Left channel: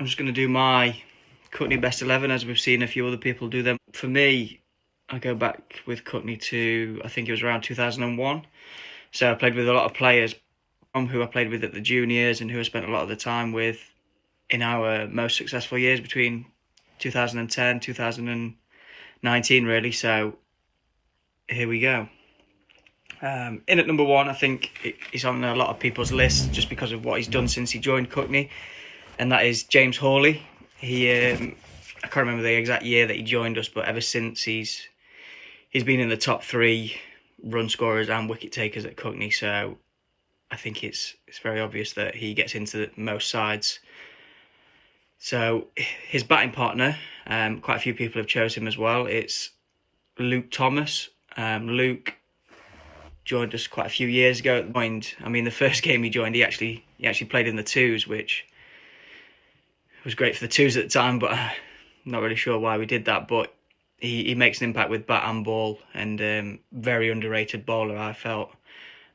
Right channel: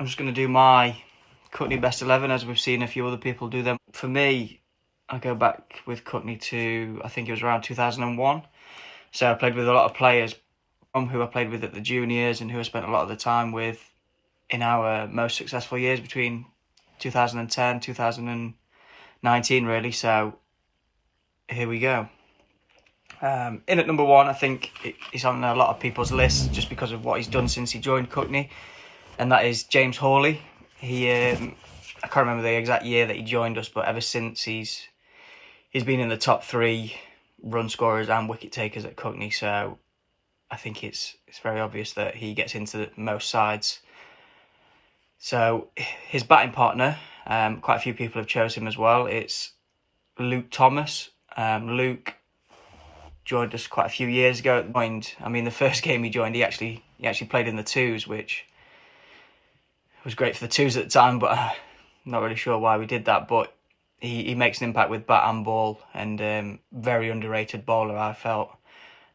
I'm just going to do my Cuckney best 11 as we've seen a few other people do them. For me, I go back with Cuckney to, I think it was around 2001. So I played with a lot of players who I played with at the juniors and who I spent a lot of the time with in our most successful years between 2010, 2019 really. So here we go. In at number one, I think he's on a lot of people's lists just because of what he's done since he joined Cuckney, and that is James Hawley. I can't remember the exact year that he joined us, but ever since he's been in the top three run scorers and wicket takers at Cuckney. So I think it's very obvious that he gets into most sides. So his batting partner, quite a few people have chosen him as well. It's Luke Thomas. Luke joined us quite a few years ago. The first game he joined, he actually played in the twos, which was great for the twos at the time, but I'm not really sure why we did that. But he makes an impact with bat and ball, and very underrated bowler, I felt.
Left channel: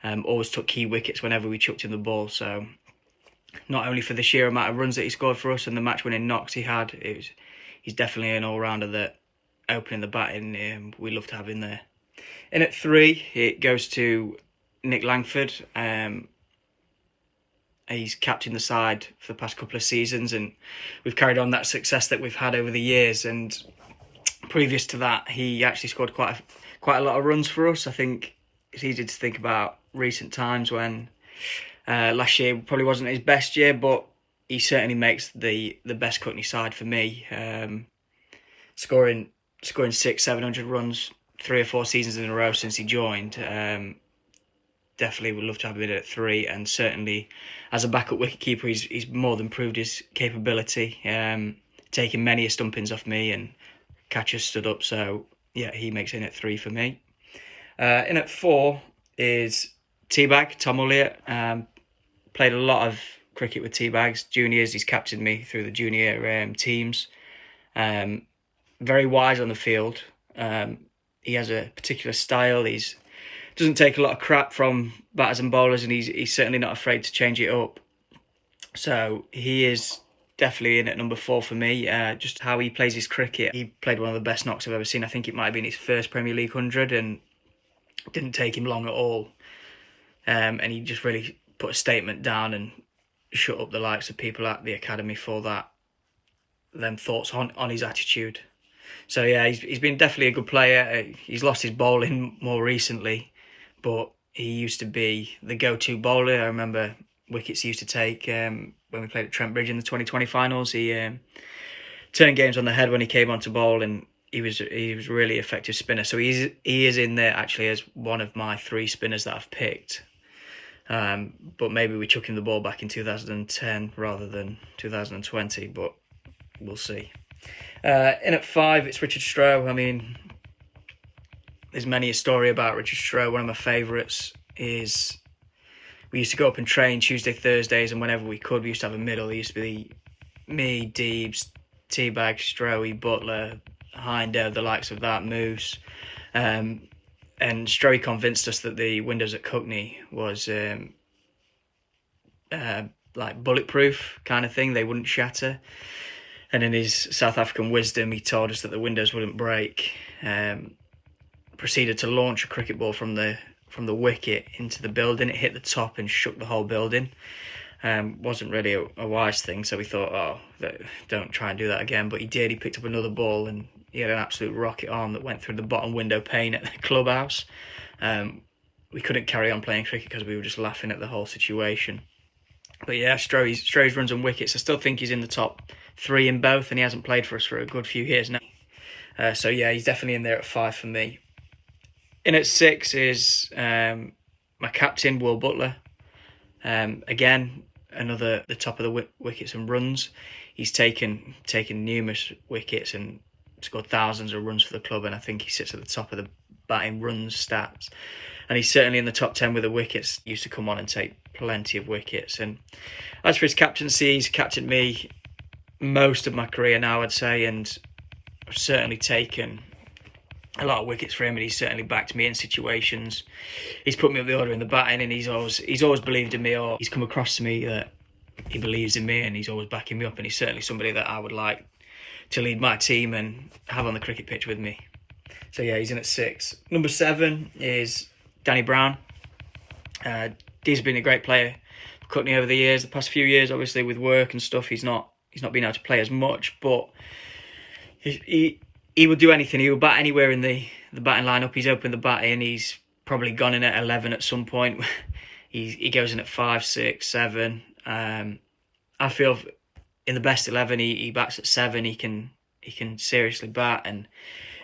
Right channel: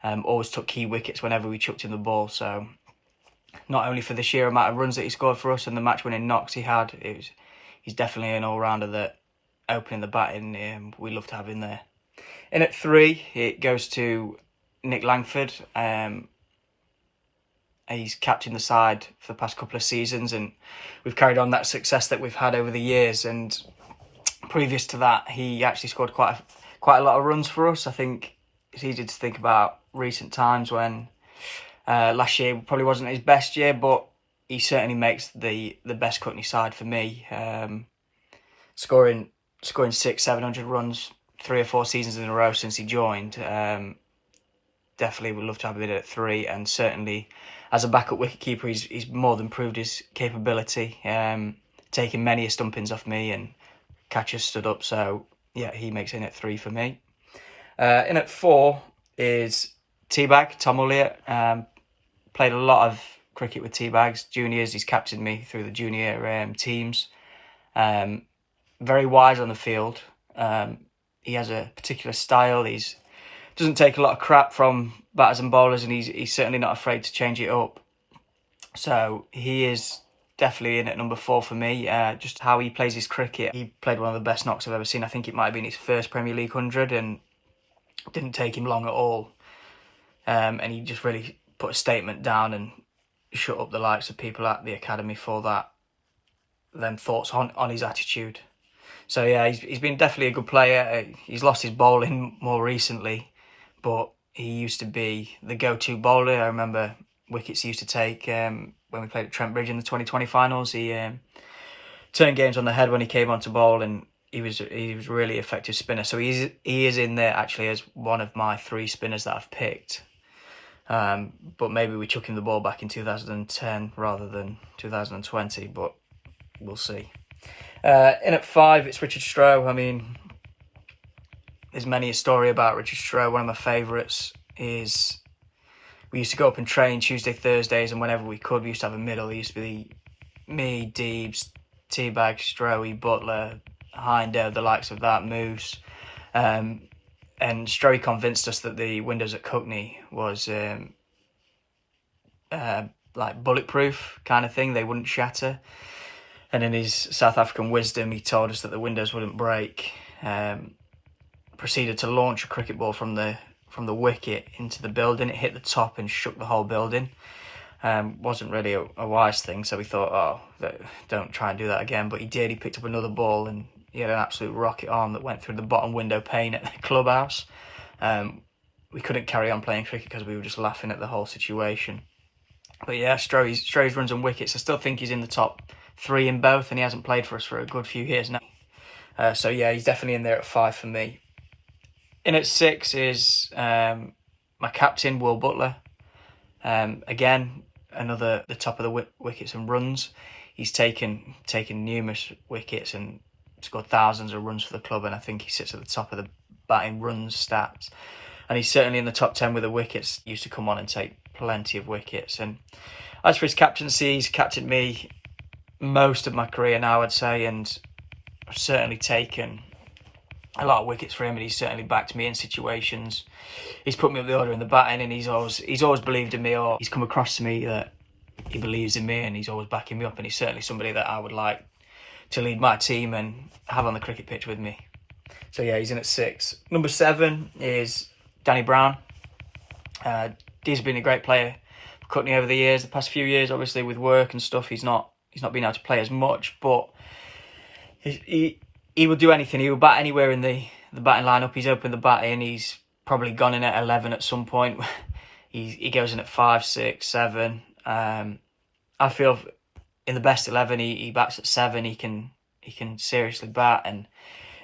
Always took key wickets whenever we chucked him the ball. So not only for the sheer amount of runs that he scored for us and the match-winning knocks he had, he's definitely an all-rounder that opening the batting, we love to have in there. In at three, it goes to Nick Langford. He's captained the side for the past couple of seasons, and we've carried on that success that we've had over the years. And previous to that, he actually scored quite a lot of runs for us. I think it's easy to think about recent times when last year probably wasn't his best year, but he certainly makes the best Cuckney side for me. Scoring 600-700 runs 3 or 4 seasons in a row since he joined. Definitely would love to have him in at three, and certainly as a backup wicketkeeper, he's more than proved his capability, taking many stumpings off me and catchers stood up. So yeah, he makes in at three for me. In at four is Teabag, Tom Elliott. Played a lot of cricket with Teabag's juniors. He's captained me through the junior teams. Very wise on the field. He has a particular style. Doesn't take a lot of crap from batters and bowlers, and he's certainly not afraid to change it up. So he is definitely in at number four for me. Just how he plays his cricket. He played one of the best knocks I've ever seen. I think it might have been his first Premier League 100, and it didn't take him long at all. And he just really put a statement down and shut up the likes of people at the academy for them thoughts on his attitude. So yeah, he's been definitely a good player. He's lost his bowling more recently, but he used to be the go-to bowler. I remember wickets he used to take when we played at Trent Bridge in the 2020 finals. He turned games on the head when he came on to bowl, and he was a really effective spinner. So he is in there actually as one of my 3 spinners that I've picked. But maybe we chuck him the ball back in 2010 rather than 2020, but we'll see. In at 5, it's Richard Stroh. I mean, there's many a story about Richard Stroh. One of my favourites is we used to go up and train Tuesday, Thursdays, and whenever we could, we used to have a middle. It used to be me, Deebs, Teabag, Strohy, Butler, Hinder, the likes of that, Moose. And Strohy convinced us that the windows at Cuckney was like bulletproof kind of thing. They wouldn't shatter. And in his South African wisdom, he told us that the windows wouldn't break. Proceeded to launch a cricket ball from the wicket into the building. It hit the top and shook the whole building. Wasn't really a wise thing, so we thought, don't try and do that again. But he did. He picked up another ball and he had an absolute rocket arm that went through the bottom window pane at the clubhouse. We couldn't carry on playing cricket because we were just laughing at the whole situation. But yeah, Stroh's runs and wickets, I still think he's in the top 3 in both, and he hasn't played for us for a good few years now. So yeah, he's definitely in there at 5 for me. In at 6 is my captain, Will Butler. Again, the top of the wickets and runs. He's taken numerous wickets and scored thousands of runs for the club, and I think he sits at the top of the batting runs stats. And he's certainly in the top 10 with the wickets. He used to come on and take plenty of wickets. And as for his captaincy, he's captained me most of my career now, I'd say, and I've certainly taken a lot of wickets for him, and he's certainly backed me in situations. He's put me up the order in the batting, and he's always believed in me, or he's come across to me that he believes in me and he's always backing me up, and he's certainly somebody that I would like to lead my team and have on the cricket pitch with me. So yeah, he's in at 6. Number 7 is Danny Brown. He's been a great player for Cuckney over the years. The past few years, obviously with work and stuff, he's not been able to play as much, but he will do anything. He will bat anywhere in the batting lineup. He's opened the bat in. He's probably gone in at 11 at some point. he goes in at 5, 6, 7. I feel in the best 11, he bats at 7. He can seriously bat and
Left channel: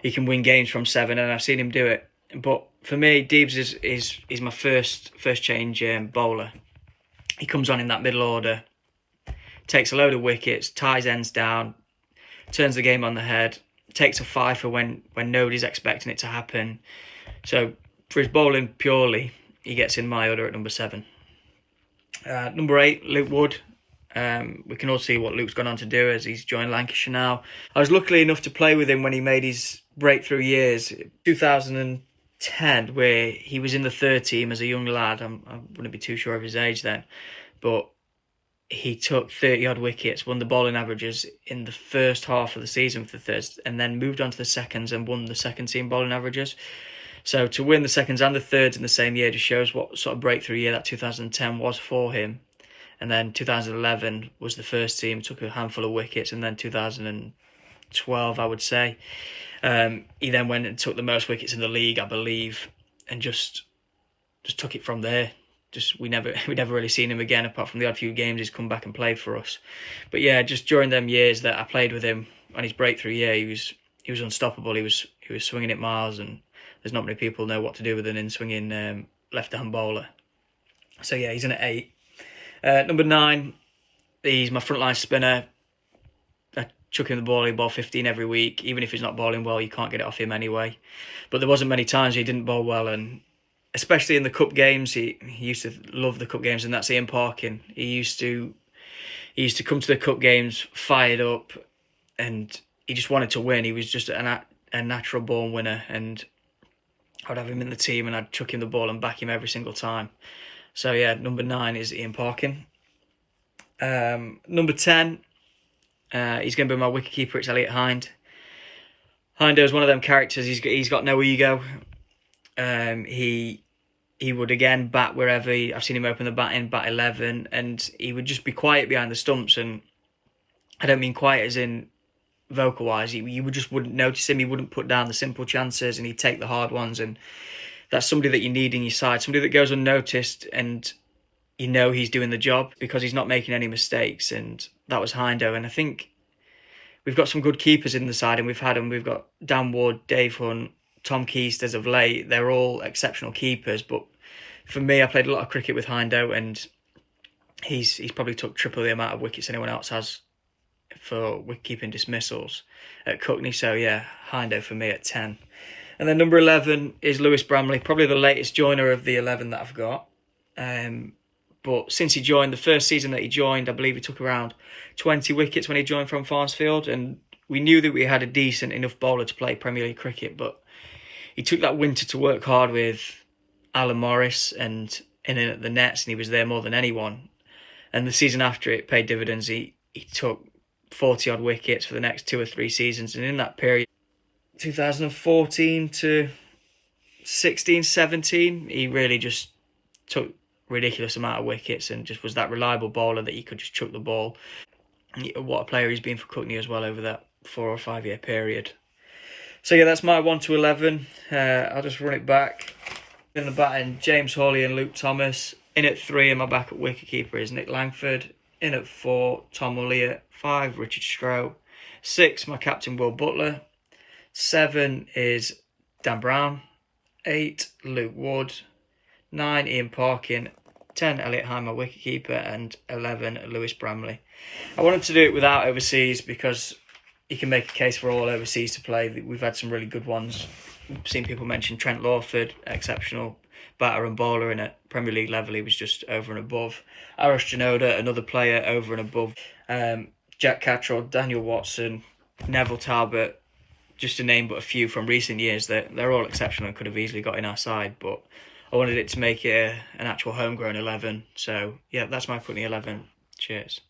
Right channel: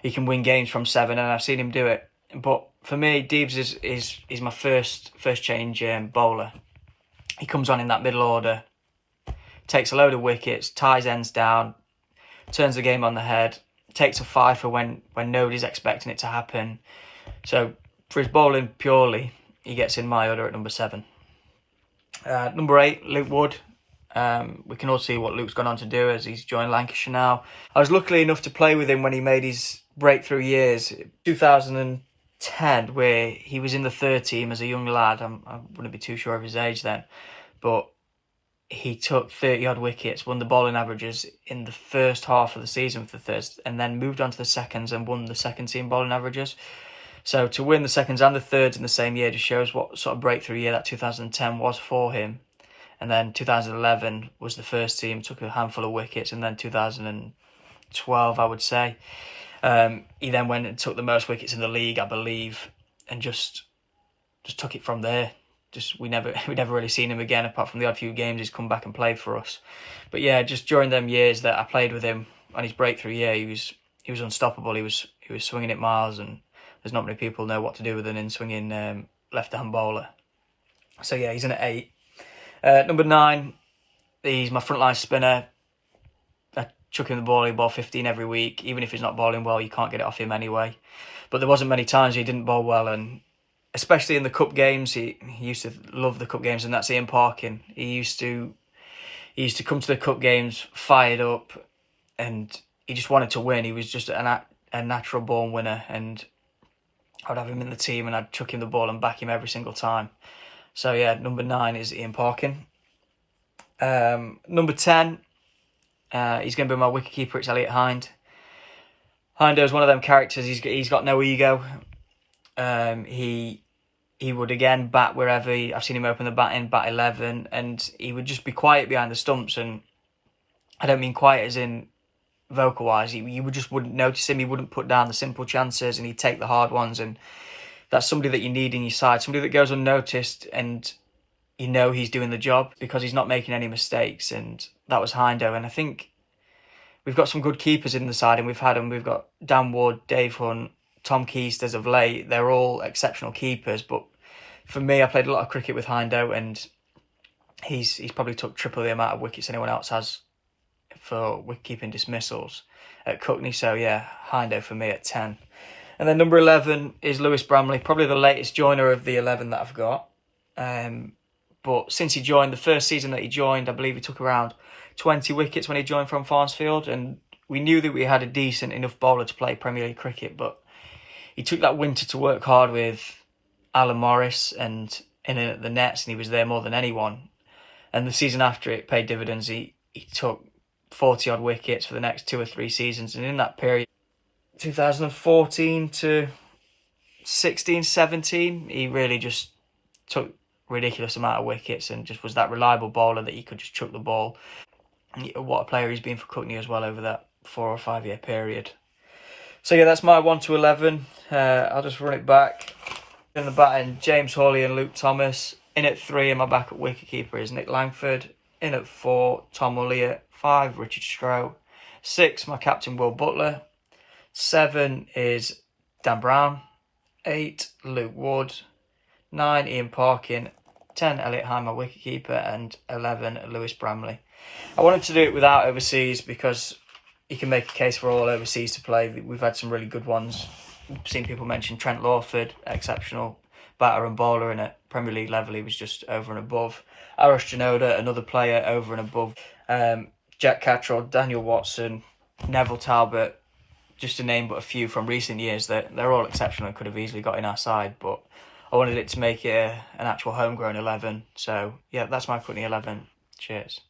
he can win games from 7, and I've seen him do it. But for me, Deebs is my first change bowler. He comes on in that middle order, takes a load of wickets, ties ends down, turns the game on the head, takes a 5 for when nobody's expecting it to happen. So for his bowling purely, he gets in my order at number 7. Number 8, Luke Wood. We can all see what Luke's gone on to do as he's joined Lancashire now. I was lucky enough to play with him when he made his breakthrough years, 2010, where he was in the third team as a young lad. I wouldn't be too sure of his age then, but he took 30-odd wickets, won the bowling averages in the first half of the season for the thirds, and then moved on to the seconds and won the second team bowling averages. So to win the seconds and the thirds in the same year just shows what sort of breakthrough year that 2010 was for him. And then 2011 was the first team, took a handful of wickets, and then 2012, I would say. He then went and took the most wickets in the league, I believe, and just took it from there. We never really seen him again, apart from the odd few games he's come back and played for us. But yeah, just during them years that I played with him on his breakthrough year, he was unstoppable. He was swinging it miles, and there's not many people know what to do with an in-swinging left-hand bowler. So yeah, he's in at 8. Number 9, he's my frontline spinner. I chuck him the ball, he bowl 15 every week. Even if he's not bowling well, you can't get it off him anyway. But there wasn't many times he didn't bowl well, and especially in the cup games, he used to love the cup games, and that's Ian Parkin. He used to come to the cup games fired up, and he just wanted to win. He was just a natural born winner, and I'd have him in the team and I'd chuck him the ball and back him every single time. So yeah, number 9 is Ian Parkin. Number 10, he's going to be my wicketkeeper. It's Elliot Hind. Hindo's one of them characters. He's got no ego. He would again bat wherever. I've seen him open the bat in bat 11, and he would just be quiet behind the stumps. And I don't mean quiet as in vocal wise. You just wouldn't notice him. He wouldn't put down the simple chances, and he'd take the hard ones. And that's somebody that you need in your side, somebody that goes unnoticed, and you know he's doing the job because he's not making any mistakes. And that was Hindo. And I think we've got some good keepers in the side, and we've had them. We've got Dan Wood, Dave Hunt, Tom Keast as of late. They're all exceptional keepers, but for me, I played a lot of cricket with Hindo, and he's probably took triple the amount of wickets anyone else has for wicket-keeping dismissals at Cuckney. So yeah, Hindo for me at 10. And then number 11 is Lewis Bramley, probably the latest joiner of the 11 that I've got. But since he joined, the first season that he joined, I believe he took around 20 wickets when he joined from Farnsfield, and we knew that we had a decent enough bowler to play Premier League cricket, but he took that winter to work hard with Alan Morris and in at the nets, and he was there more than anyone. And the season after, it paid dividends. He took 40-odd wickets for the next 2 or 3 seasons, and in that period, 2014 to 16, 17, he really just took ridiculous amount of wickets and just was that reliable bowler that you could just chuck the ball. What a player he's been for Cuckney as well over that 4 or 5 year period. So yeah, that's my 1 to 11. I'll just run it back. In the batting, James Hawley and Luke Thomas. In at 3, and my backup wicketkeeper is Nick Langford. In at 4, Tom Elliott. 5, Richard Stroh. 6, my captain Will Butler. 7 is Dan Brown. 8, Luke Wood. 9, Ian Parkin. 10, Elliot Hind, my wicketkeeper. And 11, Lewis Bramley. I wanted to do it without overseas because you can make a case for all overseas to play. We've had some really good ones. I've seen people mention Trent Lawford, exceptional batter and bowler, and at Premier League level he was just over and above. Arash Janoda, another player, over and above. Jack Cattrall, Daniel Watson, Neville Talbot, just to name but a few from recent years. They're all exceptional and could have easily got in our side, but I wanted it to make it an actual homegrown 11. So yeah, that's my Cuckney 11. Cheers.